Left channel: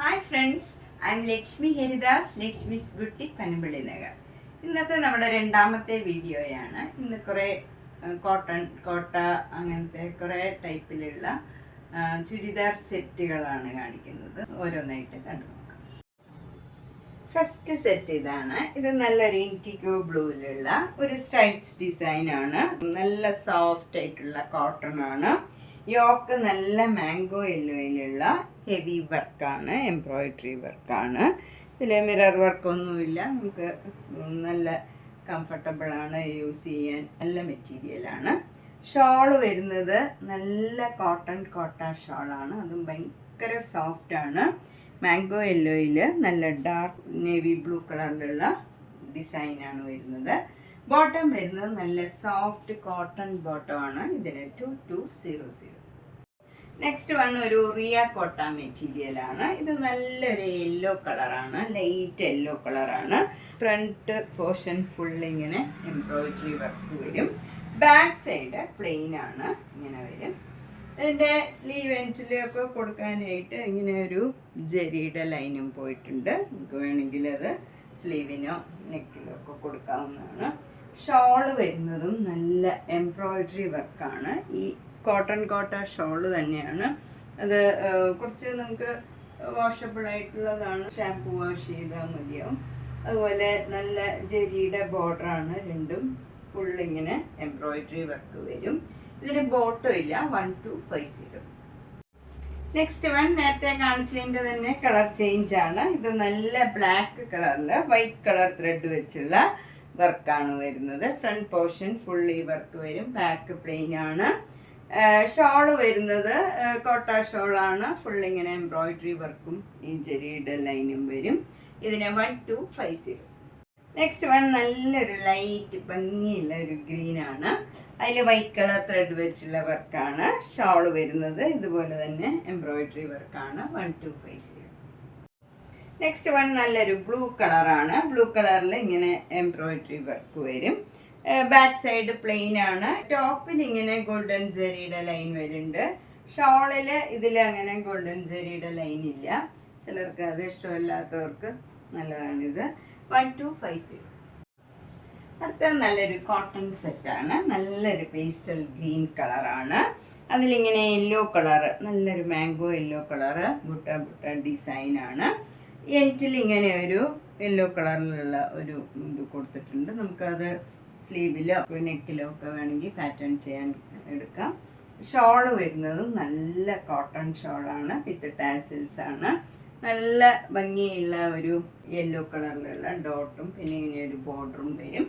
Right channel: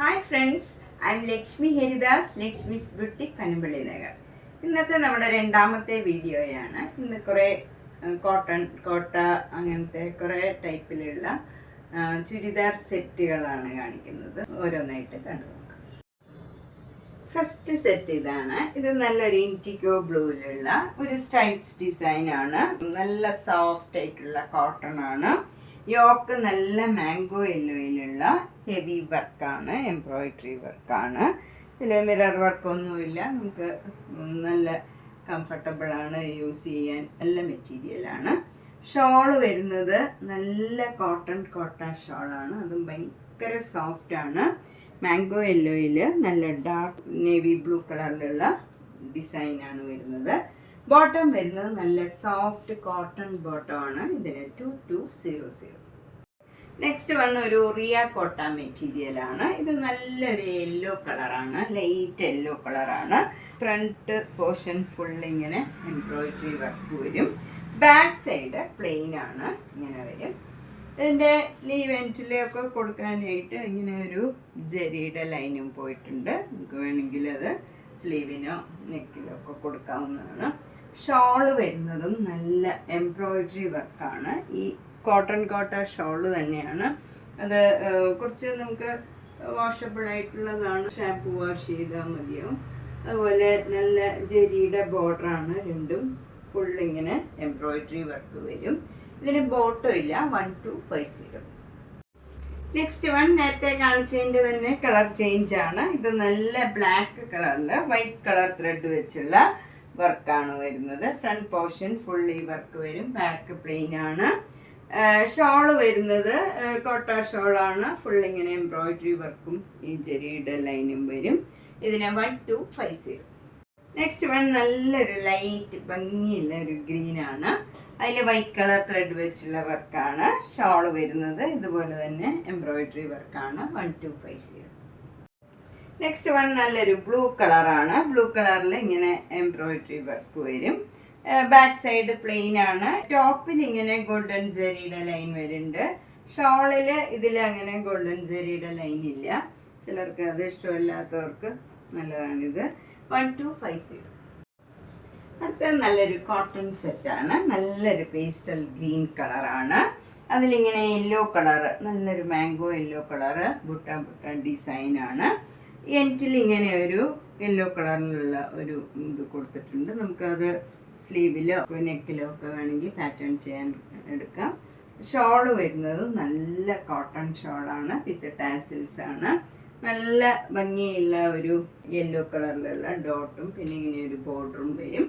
Hi friends, I am Lakshmi Haridas, Lakshmi's boutique, Panampilly Nagar. ഇന്നത്തെ നമ്മുടെ രണ്ടാമത്തെ വീഡിയോയാണ്. ഇന്ന് കുറേ കോട്ട അങ്ങനത്തെ കുറേ ടൈപ്പിലുള്ള ചുരിദാർ സെറ്റുകളാണ് കാണിക്കുന്നത്. ഓരോന്നായിട്ട് കണ്ടു നോക്കാം. ഫസ്റ്റ് സെറ്റ് ഇതാണ്. ഇത് നല്ലൊരു ഇൻറ്റിഗോ ബ്ലൂവിലുള്ള ഒരു സ്ട്രൈപ്സ് ഡിസൈനാണ്. നല്ല സോഫ്റ്റ് ആയിട്ടുള്ള കോട്ടൺ ആണ്. യോക്ക് നല്ല മാംഗോ യെല്ലോയിലുള്ള ഹെവി വർക്കാണ്, എംബ്രോയിഡറി വർക്കാണ്. ഇതിൽ മിറർ വർക്കൊന്നുമില്ല. നമുക്ക് നല്ല കംഫർട്ടബിളാണ് യൂസ് ചെയ്യാൻ. നല്ല മെറ്റീരിയലാണ്. ഷോള് വരുന്നത് നല്ല കോട്ട ഷോളാണ്. അതും ഭയങ്കര സോഫ്റ്റാണ്. മാംഗോ യെല്ലോയിൽ നല്ല ഡാർക്ക് നേവി ബ്ലൂ കളറിലുള്ള ഡിസൈനാണ് വരുന്നത്. ബോട്ടം വരുന്നത് നല്ല സോഫ്റ്റ് കോട്ടൺ ബോട്ടം ആണ്. ഇതിന് 2200. നെക്സ്റ്റ് വൺ ഒരു റിയ കോട്ട മെറ്റീരിയൽ ആണ്. ഇത് നല്ലൊരു യെല്ലോ കളറാണ്, ലൈറ്റ് യെല്ലോ കളറാണ്. ഫ്രണ്ട് പോർഷൻ ഫുൾ ഇങ്ങനെ എംബ്രോയിഡറി വർക്ക് വരും. ബാക്ക് സൈഡ് പ്ലെയിൻ ആണ്, ഇങ്ങനെ വരും. ഇതിൻ്റെ സ്ലീവ് എൻഡിലൊക്കെ കൊടുക്കാനായിട്ട് ഇങ്ങനെ ഒരു ജെറിയുടെ ലൈനും പോയിട്ടുണ്ട്. നമുക്ക് വേണമെങ്കിൽ അത് സ്ലീവിനോ നെക്കിലോ ഒക്കെ കൊടുക്കാവുന്നതാണ്. ഷോള് വരുന്നതും നല്ല എംബ്രോയിഡറി വർക്കാണ്. ഈ കോട്ടൺ ഷോള് തന്നെയാണ്. അത് കുറച്ച് നമുക്ക് വാഷബിൾ ആയിട്ടുള്ളതാണ്. ഷാമ്പു വാഷ് ചെയ്താൽ മതിയാവും. അതുപോലെ നല്ല ജെരിയുടെ ബോർഡറാണ്. രണ്ടും ഫുള്ളിങ്ങനെ എംബ്രോയിഡറി വർക്ക് വരും. ഇതിന് ബോട്ടോ ഇല്ല. 1250. നെക്സ്റ്റ് വൺ നേരത്തെ കാണിച്ചതിൻ്റെ തന്നെ കളർ ചേഞ്ച് ആണ്. ഇത് നല്ല ബ്ലാക്ക് കളറിൽ വൈറ്റ് കളർ ത്രെഡ് വെച്ചുള്ള വർക്കാണ് വരുന്നത്. ഫ്രണ്ട് പോർഷൻ ഫുള്ളി വർക്ക് വരും. ബാക്ക് പ്ലെയിൻ ആണ്. ഷോള് വരുന്നത് കോട്ട ഷോളാണ്. ഫുള്ളിങ്ങനെ എംബ്രോയിഡറി വർക്കും ഈ ചെറിയുടെ ലൈനും വരും. ഇതിന് 1250. നെക്സ്റ്റ് വൺ നല്ലൊരു ലൈറ്റ് ഭംഗിയുള്ള ഒരു ഗ്രീൻ ആണ്. അതിൽ വൈറ്റ് കളർ ത്രെഡ് വെച്ചുള്ള വർക്കാണ്. ഷോള് വരുന്നത് ഇതുപോലെ തന്നെ എംബ്രോയിഡറി വർക്കാണ്. 1250. നെക്സ്റ്റ് വൺ നല്ലൊരു ബ്ലൂ കളറാണ്. ബ്ലൂ കളറിൽ ഇങ്ങനെ എംബ്രോയിഡറി വർക്ക് വരും. ബാക്ക് സൈഡ് പ്ലെയിൻ ആണ്. ടോപ്പിൽ ഇങ്ങനെ ഗോൾഡൻ ജെറിയുടെ ലൈൻ വരുന്നുണ്ട്. ഷോളിൽ ഇതിൽ അങ്ങനെ ഗോൾഡൻ ജെറിയുടെ ലൈൻ ഇല്ല. ചിലർക്ക് അത് ഇഷ്ടമില്ലാത്തവർക്ക് നല്ലതാണിത്. 1250. അടുത്തത് നല്ലൊരു കോട്ടൺ സെറ്റാണ്. നല്ലൊരു പേസ്റ്റൽ ഗ്രീൻ കളറാണ്. അതിലിങ്ങനെ യെല്ലോ കളറ്, നല്ലൊരു മാംഗോ യെല്ലോ കളറ് ബുട്ട ഡിസൈനാണ്. എൻഡിൽ ഇങ്ങനെ ഒരു യെല്ലോ കളറിലുള്ള ഒരു ഇത് കൊടുത്തിട്ടുണ്ട്. നമുക്കത് സ്ലീവിലോ നെക്കിലോ ഒക്കെ വേണമെങ്കിൽ പാറ്റേൺ ചെയ്യാൻ എടുക്കാം. ഷോള് വരുന്നത് നല്ല കോട്ടൺ ഷോളാണ്. വിത്ത് ടാസിൽസ് ആണ്. നല്ല ഭംഗിയുള്ള ഒരു യെല്ലോ കളറിലുള്ള ഡോട്ടും പിന്നെ ഇങ്ങനെ ഒരു ബോർഡറും വരും.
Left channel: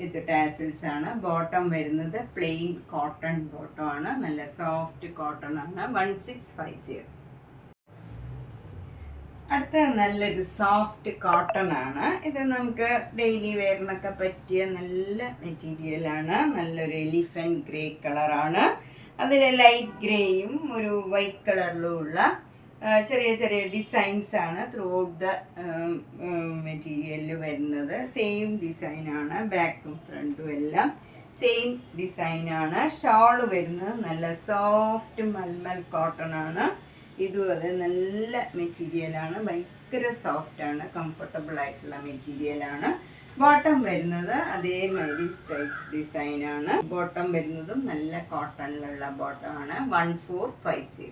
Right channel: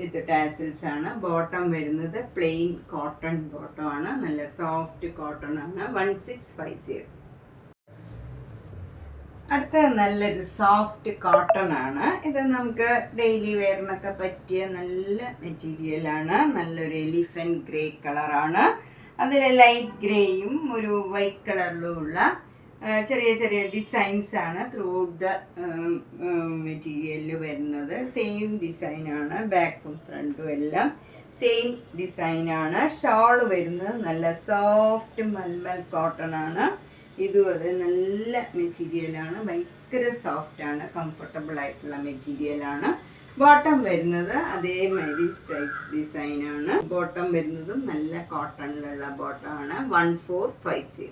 വിത്ത് ടാസിൽസ് ആണ്. ബോട്ടം വരുന്നത് പ്ലെയിൻ കോട്ടൺ ബോട്ടം ആണ്. നല്ല സോഫ്റ്റ് കോട്ടൺ ആണ്. 1650. അടുത്ത നല്ലൊരു സോഫ്റ്റ് കോട്ടൺ ആണ്. ഇത് നമുക്ക് ഡെയിലി വെയറിനൊക്കെ പറ്റിയ നല്ല മെറ്റീരിയലാണ്. നല്ലൊരു എലിഫന്റ് ഗ്രേ കളറാണ്. അതിൽ ലൈറ്റ് ഗ്രേയും ഒരു വൈറ്റ് കളറിലും ഉള്ള ചെറിയ ചെറിയ ഡിസൈൻസ് ആണ് ത്രൂ ഔട്ട് ദ മെറ്റീരിയലിൽ വരുന്നത്. സെയിം ഡിസൈനാണ്. ബാക്കും ഫ്രണ്ടും എല്ലാം സെയിം ഡിസൈനാണ്. ഷോള് വരുന്നത് നല്ല സോഫ്റ്റ് മൽമൽ കോട്ടൺ ആണ്. ഇതും അത് നല്ല മെറ്റീരിയലാണ്. ഭയങ്കര സോഫ്റ്റാണ്. കംഫർട്ടബിൾ ആയിട്ടുള്ള മെറ്റീരിയലാണ്. ബോട്ടം വരുന്നത് അതേമാതിരി സ്ട്രൈപ്സ് ഡിസൈനാണ്. ബോട്ടം വരുന്നതും നല്ല കോട്ടണിലുള്ള ബോട്ടമാണ്. 1450.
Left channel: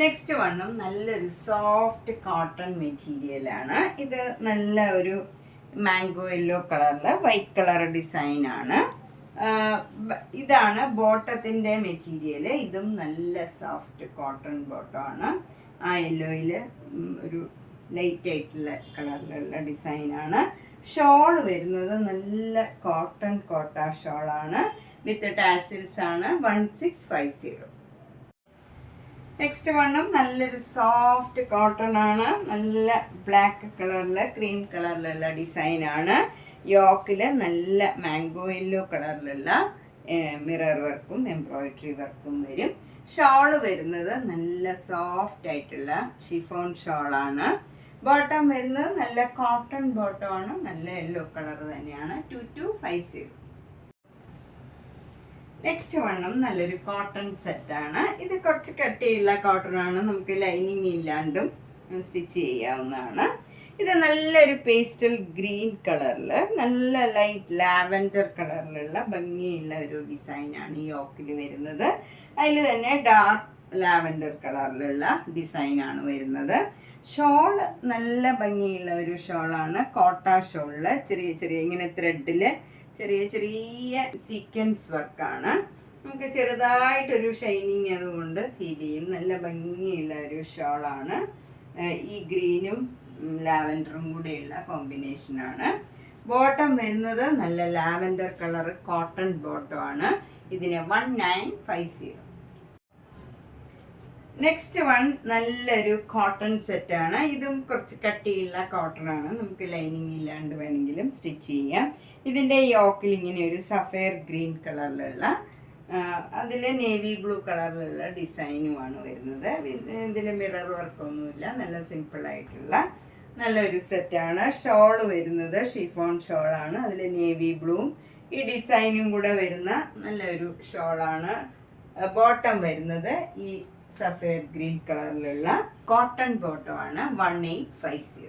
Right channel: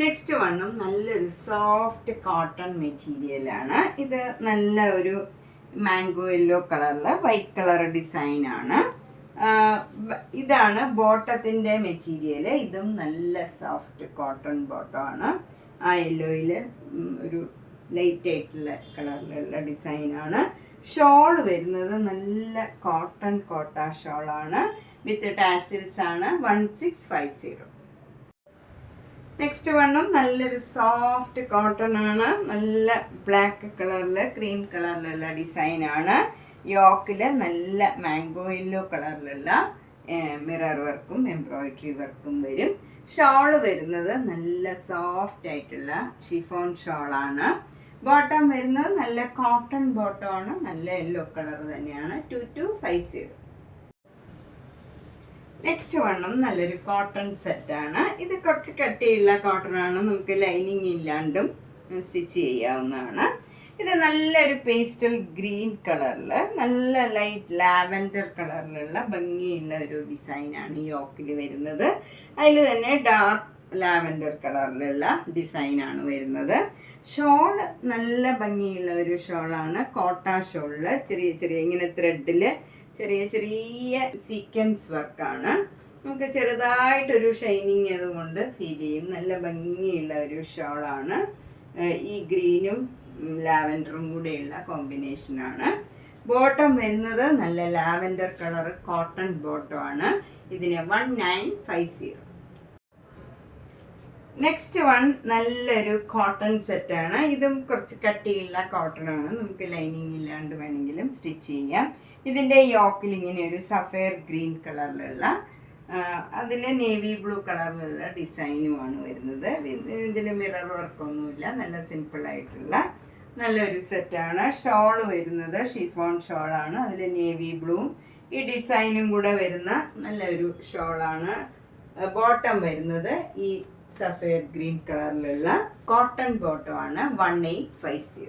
നെക്സ്റ്റ് വണ്ണും നല്ലൊരു സോഫ്റ്റ് കോട്ടൺ മെറ്റീരിയലാണ്. ഇത് നല്ല ഒരു മാംഗോ യെല്ലോ കളറിൽ വൈറ്റ് കളർ ഡിസൈനാണ്. ഇതാണ് ബോട്ടത്തിൻ്റെ മെറ്റീരിയൽ. ഇതും നല്ല സോഫ്റ്റ് കോട്ടൺ ബോട്ടമാണ്. ആ യെല്ലോയിൽ ഒരു ലൈറ്റ് ആയിട്ടുള്ള കളറിലുള്ള ഡിസൈനാണ്. ഷോൾ വരുന്നത് നല്ല കോട്ട ഷോളാണ്. വിത്ത് ടാസിൽസ് ആണ്. 1650. നെക്സ്റ്റ് വണ്ണും നല്ലൊരു സോഫ്റ്റ് കോട്ടൺ ആണ്. നല്ല ബ്ലാക്ക് കളറിൽ ക്രീം കളറിലുള്ള ഡിസൈനാണ്. യോക്കിൽ നല്ല മാംഗോ യെല്ലോ കളറിലുള്ള മിറർ വർക്കും എംബ്രോയിഡറി വർക്കും വരും. ഷോള് വരുന്നത് നല്ല സോഫ്റ്റ് ആയിട്ടുള്ള ഷിഫോൺ ഷോളാണ്. ബോട്ടം വരുന്നത് നല്ല കോട്ടൺ ബോട്ടമാണ്. നല്ല യെല്ലോ കളർ തന്നെയാണ്. 2250. നെക്സ്റ്റ് വണ്ണും നല്ലൊരു കോട്ടൺ സെറ്റാണ്. ഇത് കുറച്ച് കട്ടിയുള്ള കോട്ടൺ ആണ്, നമുക്ക് ലൈനിങ് ഇല്ലാണ്ടും സ്റ്റിച്ച് ചെയ്യാവുന്നതാണ്. ഇത് നല്ലൊരു പേസ്റ്റൽ ഗ്രീൻ കളറിൽ നല്ല ലൈറ്റ് ലാവൻഡർ കളറിലുള്ള ഭംഗിയുള്ള ഒരു ഡിസൈനാണ് ഈ യോക്കിൽ വരുന്നത്. അതിൽ തന്നെ ഡാർക്ക് ലാവൻഡർ കളറിലുള്ള ഡിസൈനാണ് വരുന്നത്. ഷോൾ നല്ല ഭംഗിയുള്ള ഒരു ഷോളാണ്. കോട്ട ഷോളിൽ ചെറിയ ചെറിയ ഇങ്ങനെ ത്രെഡിൽ ചെറിയ ചെറിയ സീക്വൻസ് വർക്കാണ്. നമുക്ക് ചെറുതായിട്ടൊരു ഷൈനിങ് അതുകൊണ്ട് ഫീൽ ചെയ്യും. നല്ല ഭംഗിയുള്ള ഒരു ഷോളാണ്. ഈ ഗ്രീനും ലാവൻഡറും കൂടെയുള്ള കോമ്പിനേഷനാണ്. ബോട്ടം വരുന്നത് നല്ല ലാവൻഡർ കളർ കോട്ടൺ ബോട്ടം ആണ്. ഇതിന് 1950. നെക്സ്റ്റ് വൺ നല്ലൊരു കോട്ടൺ സെറ്റാണ്. ഇതും കുറച്ച് കട്ടിയുള്ള കോട്ടൺ ആണ്, നമുക്ക് ലൈനിങ് ഇല്ലാണ്ട് വേണമെങ്കിലും സ്റ്റിച്ച് ചെയ്യാം. ഇതിൻ്റെ യോക്കിൽ ഇങ്ങനെ ഒരു സഫയർ ഗ്രീൻ കളറിലുള്ള അതിൽ നേവി ബ്ലൂ കളറിലുള്ള ഡിസൈനുമാണ് വരുന്നത്. ഇതിൽ മിറർ വർക്കൊന്നുമില്ല, നല്ല സിമ്പിളായിട്ടുള്ള നല്ലൊരു സെറ്റാണ്. ഷോള് വരുന്നത് ഷിഫോൺ ഷോളാണ്. അതിൽ നേവി ബ്ലൂവും ഈ ഡിസൈനും കൂടെ വരുന്ന നല്ലൊരു ഷോളാണ്. ബോട്ടം വരുന്നത് ഈ സഫയർ ഗ്രീൻ കളറിലുള്ള കോട്ടൺ ബോട്ടമാണ്. 1850.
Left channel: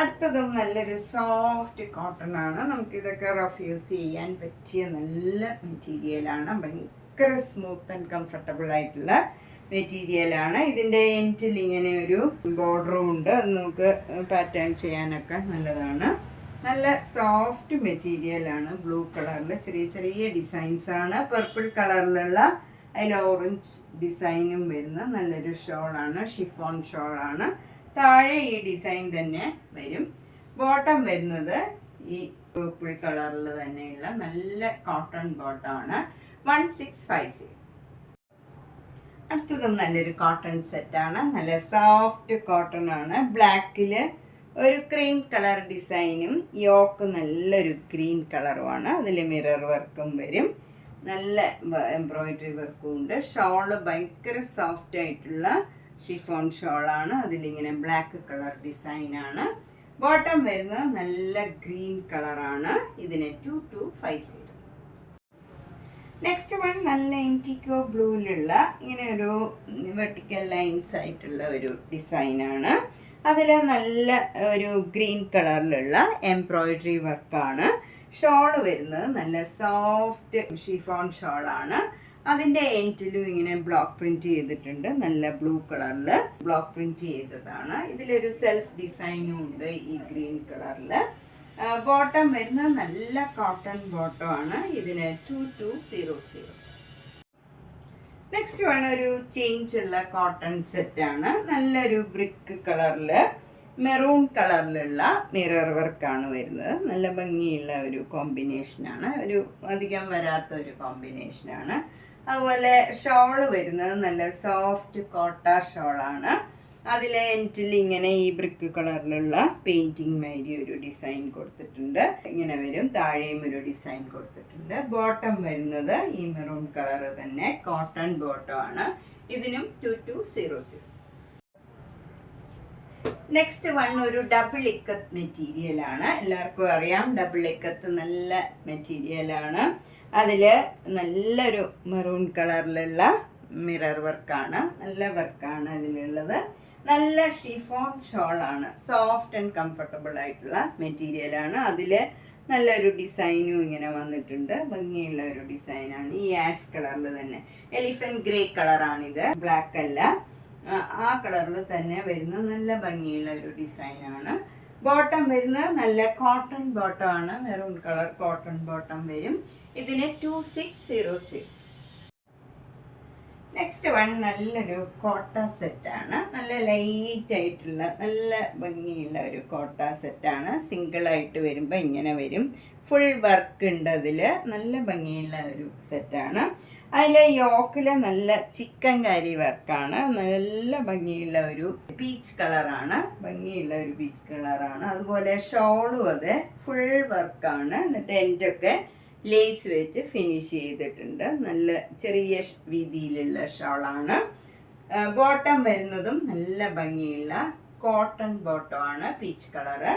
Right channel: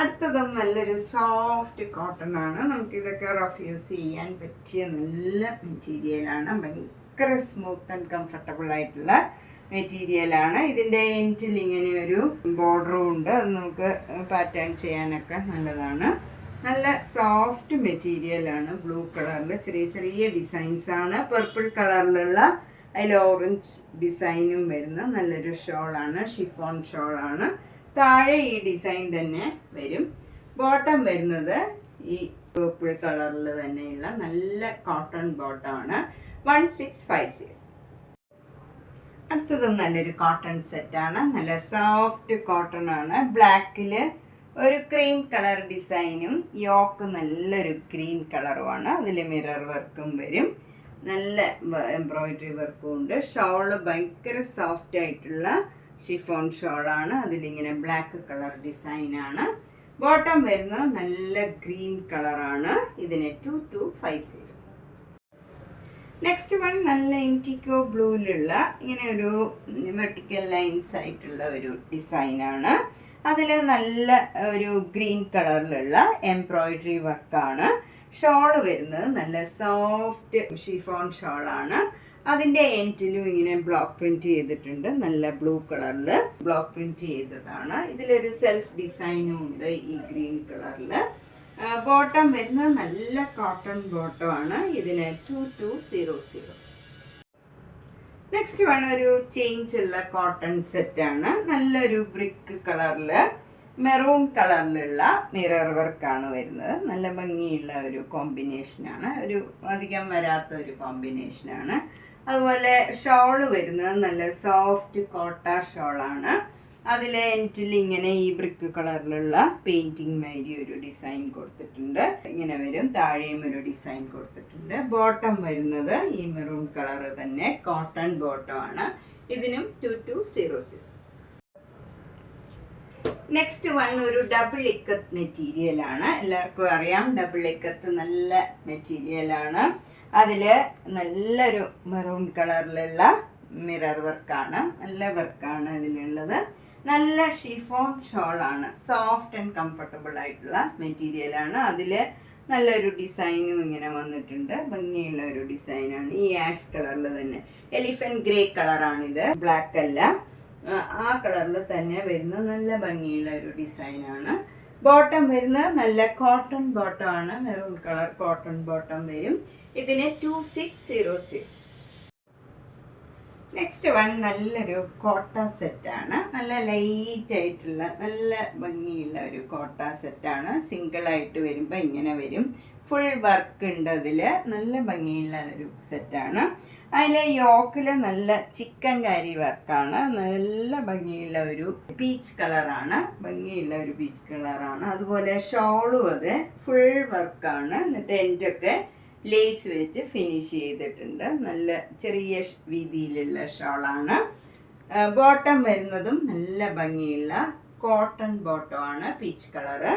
അടുത്തതും നല്ലൊരു സോഫ്റ്റ് കോട്ടൺ ആണ്. നമുക്കിതൊക്കെ റഫ് യൂസ് ചെയ്യാൻ പറ്റിയ നല്ല മെറ്റീരിയലാണ്. ഭയങ്കര സ്മൂത്ത് ആൻഡ് കംഫർട്ടബിൾ ആയിട്ടുള്ള മെറ്റീരിയലാണ്. ഇതിൻ്റെ എൻഡിൽ ഇങ്ങനെ ഒരു ബോർഡറും ഉണ്ട്, അത് നമുക്ക് പാറ്റേൺ ചെയ്യാനൊക്കെ നല്ലതാണ്. നല്ല സോഫ്റ്റ് മെറ്റീരിയലാണ്. ബ്ലൂ കളറിൽ ചെറിയ ചെറിയ ഡിസൈൻസ് ആണ്. പർപ്പിൾ കളറിലുള്ള അതിൽ ഓറഞ്ച് ഡിസൈനും വരുന്ന നല്ലൊരു ഷോളാണ്. ഷിഫോൺ ഷോളാണ്. താഴെ ഈ ഡിസൈൻ തന്നെ വരും. ബോട്ടം വരുന്നത് ഈ പർപ്പിൾ കളറിൽ തന്നെയുള്ള നല്ല കോട്ടൺ ബോട്ടമാണ്. 1650. അടുത്തതും നല്ലൊരു കോട്ടൺ സെറ്റാണ്. നല്ല സോഫ്റ്റ് കോട്ടൺ ആണ്. ബ്ലാക്കിൽ ഒരു ക്രീം കളർ ഡിസൈനും യോക്ക് നല്ലൊരു ഗ്രീൻ കളറുമാണ്. അതിൽ മിറർ വർക്കും വരും. നല്ല എംബ്രോയിഡറി വർക്കും ഉണ്ട്. ഷോള് ഭയങ്കര സോഫ്റ്റ് ആയിട്ടുള്ള ഷിഫോൺ ഷോളാണ്. അതിലിങ്ങനെ ബ്ലാക്ക് കളർ ഡിസൈനാണ്. ബോട്ടം വരുന്നത് നല്ല ഗ്രീൻ കളറാണ്. ഇതിന് 2250. നെക്സ്റ്റ് വൺ നല്ല ഇൻറ്റിക്കോ ബ്ലൂവിലുള്ള ഇങ്ങനെ ഒരു വെർട്ടിക്കൽ ലൈൻസ് ആയിട്ടുള്ള ഒരു ഡിസൈനാണ്. അതിൽ നല്ല ഒരു ഗ്രീൻ കളറിലുള്ള എംബ്രോയിഡറി വർക്കാണ്. ഷോള് വരുന്നത് നല്ല സോഫ്റ്റ് ഷിഫോൺ ഷോളാണ്. അതിൻ്റെ എൻഡിലും ഇങ്ങനെ ബ്ലോക്ക് പ്രിന്റ് ചെയ്തിട്ടുണ്ട്. നല്ല ബ്ലൂ കളറിൽ ബ്ലോക്ക് പ്രിന്റ് ചെയ്തതാണ്. ഇതിലൊരു സെൽഫ് ഡിസൈനും ഉണ്ട് ഈ ഗ്രീൻ കളറിൽ. ബോട്ടം വരുന്നത് നല്ല കോട്ടൺ ബോട്ടം ആണ്. ഇതിന് 2200. നെക്സ്റ്റ് വൺ ഒരു ചേഞ്ച് ഉള്ള കോട്ടൺ സെറ്റാണ്. നല്ലൊരു ബ്രിക്ക് കളറിൽ മെറൂൺ കളറിലുള്ള മിറർ വർക്കാണ് വരുന്നത്. നല്ല ഭംഗിയുള്ള ഒരു കോമ്പിനേഷനാണ്. ഒരു അധികം വരാത്ത ഒരു കോമ്പിനേഷനാണ്. അതുപോലെ ഷോള് വരുന്നത് നല്ല സോഫ്റ്റ് കോട്ട ഷോളാണ്. അതിൽ എൻഡിൽ ഇങ്ങനെ ഈ ബ്രിക്ക് കളറിലുള്ള പെയിൻറ്റിങ് മാതിരി ഒരു ഡിസൈൻ കൊടുത്തിട്ടുണ്ട്. ഇങ്ങനെ വരും. താഴെയും ഒരു ഡിസൈൻ കൊടുത്തിട്ടുണ്ട്. ബോട്ടം വരുന്നത് ഈ മെറൂൺ കളർ തന്നെ കോട്ടൺ ബോട്ടം ആണ്. ഇതിനും 2200. നെക്സ്റ്റ് വൺ ഒരു ഡബിൾ ഇക്കത്ത് മെറ്റീരിയലാണ്. എല്ലാവർക്കും അറിയാം ഡബിൾ ഇക്കത്ത് നല്ല മെറ്റീരിയലാണ്. അതിൽ നല്ലൊരു മെറൂൺ കളറിലുള്ള മിറർ വർക്കാണ്. നല്ല വർക്കാണ് ഇതിലുള്ളത്. നല്ല ഷിഫോൺ ഷോളാണ്. സോഫ്റ്റ് ആൻഡ് കംഫർട്ടബിൾ ആയിട്ടുള്ള മെറ്റീരിയലാണ്. അതിൽ നല്ലൊരു ഡിസൈനും ഇങ്ങനെ വന്നിട്ടുണ്ട്. ഭംഗിയുള്ള ഒരു ഡിസൈനാണ്. ഈ ആഷ് കളറിൽ തന്നെ എലിഫന്റ് ഗ്രേ കളറാണിത്, ബ്ലാക്ക് അല്ല. ആ കളറിൽ തന്നെ വരുന്ന നല്ല ഭംഗിയുള്ള ഒരു ഡിസൈനാണ്. ബോട്ടം വരുന്നത് നല്ല കോട്ടൺ ബോട്ടം ആണ്. മെറൂൺ കളർ കോട്ടൺ ബോട്ടം വരും. ഇതിന് 2600. നെക്സ്റ്റ് വൺ നല്ലൊരു കോട്ട സെറ്റാണ്. നല്ല ലൈറ്റ് ആയിട്ടുള്ള നല്ല ഭംഗിയുള്ള ഒരു കോട്ട സെറ്റാണ്. സിംഗിളായിട്ട് വരുമ്പോൾ ഇങ്ങനെ വരും. ഫുൾ വർക്ക് ഉണ്ട് അതിൽ. നല്ല ഭംഗിയുള്ള ഒരു സെറ്റാണ്. അതിൽ യോക്കിൽ നല്ല ചിക്കൻ കാരി വർക്കാണ്. നല്ല ഭംഗിയുള്ള ഒരു പീച്ച് കളറാണ്. ഭംഗിയുള്ള ഒരു പീച്ച് കളറാണ്. അതുപോലെ ഷോളും അത് ഫുൾ വർക്കാണ്. എന്നിട്ട് എൻഡൊക്കെ ലേസ് വെച്ച് ഫിനിഷ് ചെയ്തിട്ടുണ്ട്. നല്ല ചെറിയ വീതിയിലുള്ള ഷോളാണ്. ബോട്ടം വരുന്നതും നല്ല ഭംഗിയുള്ള കോട്ടൺ ബോട്ടമാണ്, പീച്ച് കളറ്.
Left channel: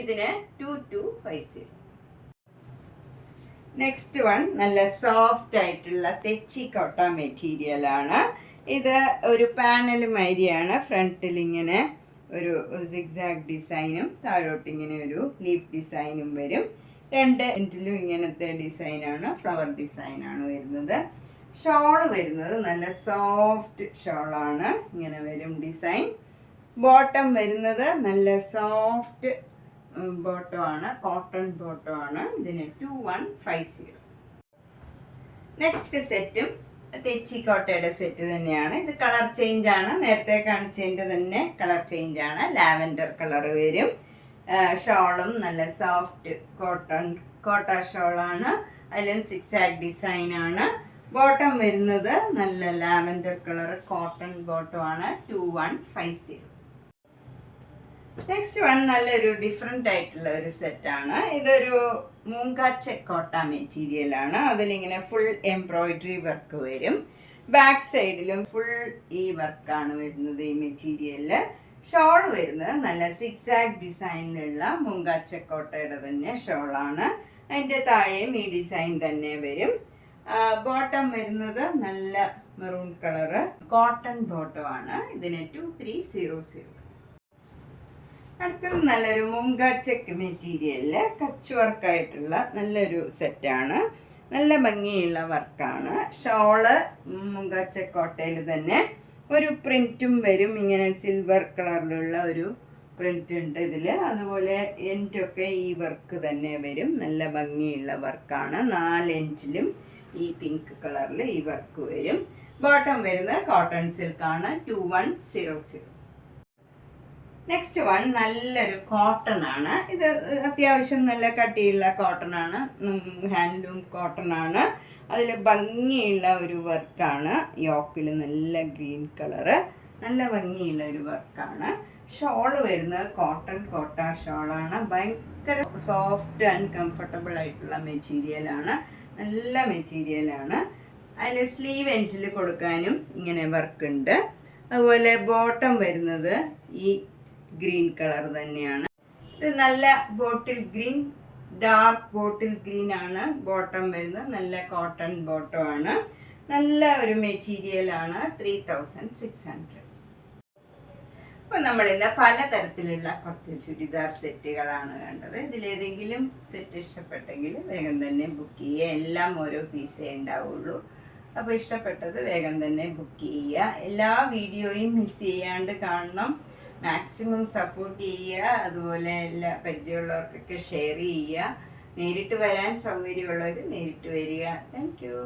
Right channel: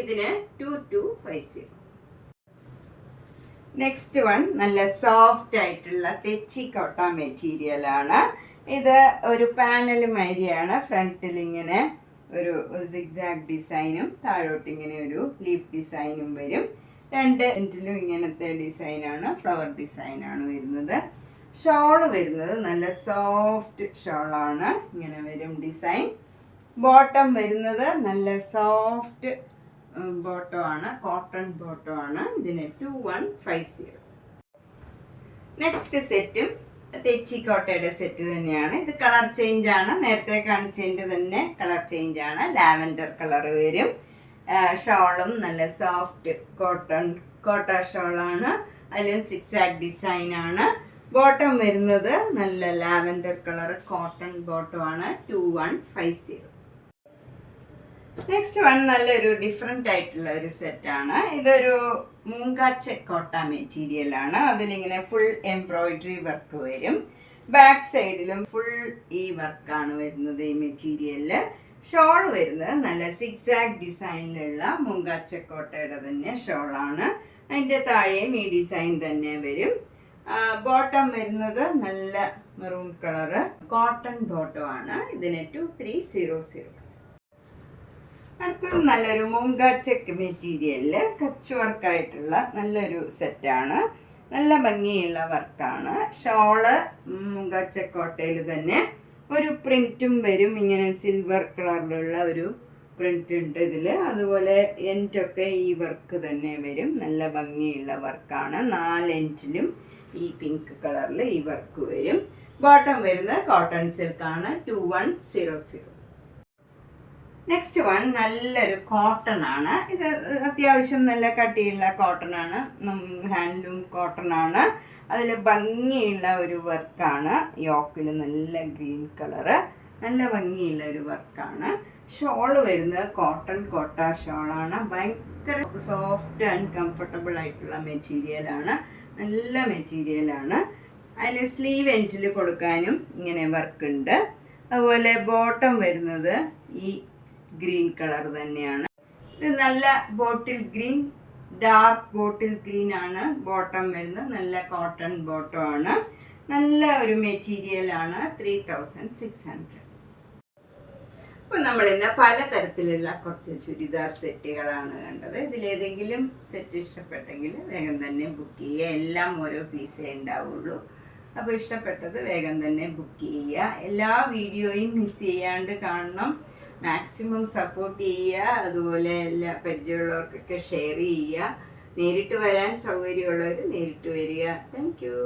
ഇതിന് 2250. നെക്സ്റ്റ് വൺ നല്ല സോഫ്റ്റ് ആയിട്ടുള്ള തെച്ചിക്കോട്ട മെറ്റീരിയലാണ്. ഇത് ഒരു പാനൽ മാതിരിയാണ്. ഫ്രണ്ടിൽ ഇങ്ങനെ ഒരു സിഗ്സാഗ് ഡിസൈനും താഴോട്ട് ഇങ്ങനെ ഒരു ലീഫ് ഡിസൈനും വരും. രണ്ട് എൻഡിലും ഇങ്ങനത്തെ ഡിസൈനാണ്, ഫ്ലവർ ഡിസൈനാണ് വരുന്നത്. ഷോള് വരുന്നത് നല്ല സോഫ്റ്റ് ഷോളാണ്, ഇങ്ങനെ വരും ഡിസൈൻ. ബോട്ടം വരുന്നത് നല്ല സോഫ്റ്റ് ബോട്ടമാണ്, കോട്ടൺ ബോട്ടമാണ്. ഇതിന് 2150. നെക്സ്റ്റ് സെറ്റും തെച്ചിക്കോട്ടയുടെ സെറ്റ് തന്നെയാണ്. ഇത് കളർ ചേഞ്ച് ആണ്, നേരത്തെ കാണിച്ചതിൻ്റെ തന്നെ കളർ ചേഞ്ച് ആണ്. ലാവൻഡർ കളർ വരും. ഷോളും നല്ല സോഫ്റ്റ് കോട്ട ഷോളാണ്, അതിലും സിക്സാഗ് ഡിസൈനാണ്. ബോട്ടം വരുന്നത് നല്ല ലാവൻഡർ കളർ കോട്ടൺ ബോട്ടമാണ്, 2150. നെക്സ്റ്റ് വൺ നല്ലൊരു ഡിഫറെൻ്റ് ആയിട്ടുള്ള ഒരു സെറ്റാണ്. ഇതൊരു മൂങ്കാച്ച കോട്ട മെറ്റീരിയലാണ്. അതിലിങ്ങനെ ഫുൾ എംബ്രോയിഡറി വർക്ക് വരും. ബാക്ക് സൈഡിലും ഫുൾ ഈ വർക്കാണ് വരുന്നത് ഈ മെറ്റീരിയലിൽ. ഷോൾ വരുന്നത് നല്ല സിക്സാഗ് ഡിസൈനിലുള്ള മൂങ്കാച്ചക്കോട്ടയുടെ തന്നെ ഷോളാണ്. അതിൻ്റെ താഴെയും ഈ ഡിസൈൻ തന്നെ വരും. ബോട്ടം വരുന്നത് നല്ല മെറൂൺ കളറ് കോട്ടൺ ബോട്ടമാണ്. ഇതിന് 2300. അടുത്തത് നല്ലൊരു മൂങ്കാച്ചക്ക് മെറ്റീരിയലിൽ കച്ച് വർക്കായിട്ടുള്ള നല്ലൊരു സെറ്റാണ്. നല്ല ഭംഗിയുള്ള വർക്കാണ്. ഷോള് മൂങ്കാച്ചക്കോട്ടയിൽ തന്നെ ഒരു പ്രിൻറ്റും വരും. ഇങ്ങനെ സിൽവർ കളറിലുള്ള ഒരു പ്രിൻ്റ് ഉണ്ട് ഇതിൽ. അതുപോലെ എൻഡൊക്കെ ഈ വർക്ക് തന്നെ വരും. നല്ല ഭംഗിയുള്ള വർക്കാണ്. 4 എൻഡിലും ഈ പിങ്ക് കളറിൽ ഈ വർക്ക് വരും. ബോട്ടം വരുന്നത് കോട്ടൺ സിൽക്കാണ്, 2100. നെക്സ്റ്റ് വൺ നല്ലൊരു കോട്ടൺ ആണ്. ഇത് അത്യാവശ്യം നല്ല കട്ടിയുള്ള കോട്ടൺ ആണ്, ഹാൻഡ്ലൂം കോട്ടൺ ആണ്. അതിൽ ഭംഗിയുള്ള ഒരു വർക്കാണ്. യോക്കിൽ നല്ല ഗ്രീൻ കളറ്, നല്ല ഭംഗിയുള്ള ഒരു വർക്കാണ്. ഷോള് വരുന്നത് കോട്ട ഷോളാണ്. ഭയങ്കര സോഫ്റ്റ് ആൻഡ് കംഫർട്ടബിൾ ആയിട്ടുള്ള മെറ്റീരിയലാണ്, നല്ല മെറ്റീരിയലാണ്. അതിൽ സ്ലീവ് എൻഡിൽ കൊടുക്കാനും ഇങ്ങനെ വർക്ക് ഉണ്ട്. അതുപോലെ ബോട്ടം വരുന്നത് ഈ ഗ്രീൻ കളർ തന്നെയാണ്. ഇത് നല്ല bottle green, dark bottle green ആണ് ബോട്ടം വരുന്നത്. നല്ല കോട്ടൺ ബോട്ടം ആണ്. നല്ല ഒരു മെറ്റീരിയലാണ്, 3600. അപ്പോൾ നമ്മളിന്ന് പലതരത്തിലുള്ള കുറച്ച് ചുരിദാർ സെറ്റുകളാണ് കണ്ടത്. ഇതിലേതെങ്കിലും സെറ്റ് ഇഷ്ടപ്പെട്ടെങ്കിൽ വേഗം തന്നെ ബുക്ക് ചെയ്യുക. എല്ലാം ഓരോ പീസേ ഉണ്ടാവുള്ളൂ. അപ്പോൾ ഇഷ്ടപ്പെട്ടത് വേഗം തന്നെ ബുക്ക് ചെയ്യുക. എല്ലാ വീഡിയോയും മിസ് ചെയ്യാണ്ട് കാണണം. മാക്സിമം സപ്പോർട്ട് ചെയ്യുക. അതുപോലെ എല്ലാ പരിചയമുള്ളവർക്കൊക്കെ ഷെയർ ചെയ്യുക. നേരിട്ട് വരാൻ സൗകര്യമുള്ളവർ നേരിട്ട് വരിക. Thank you.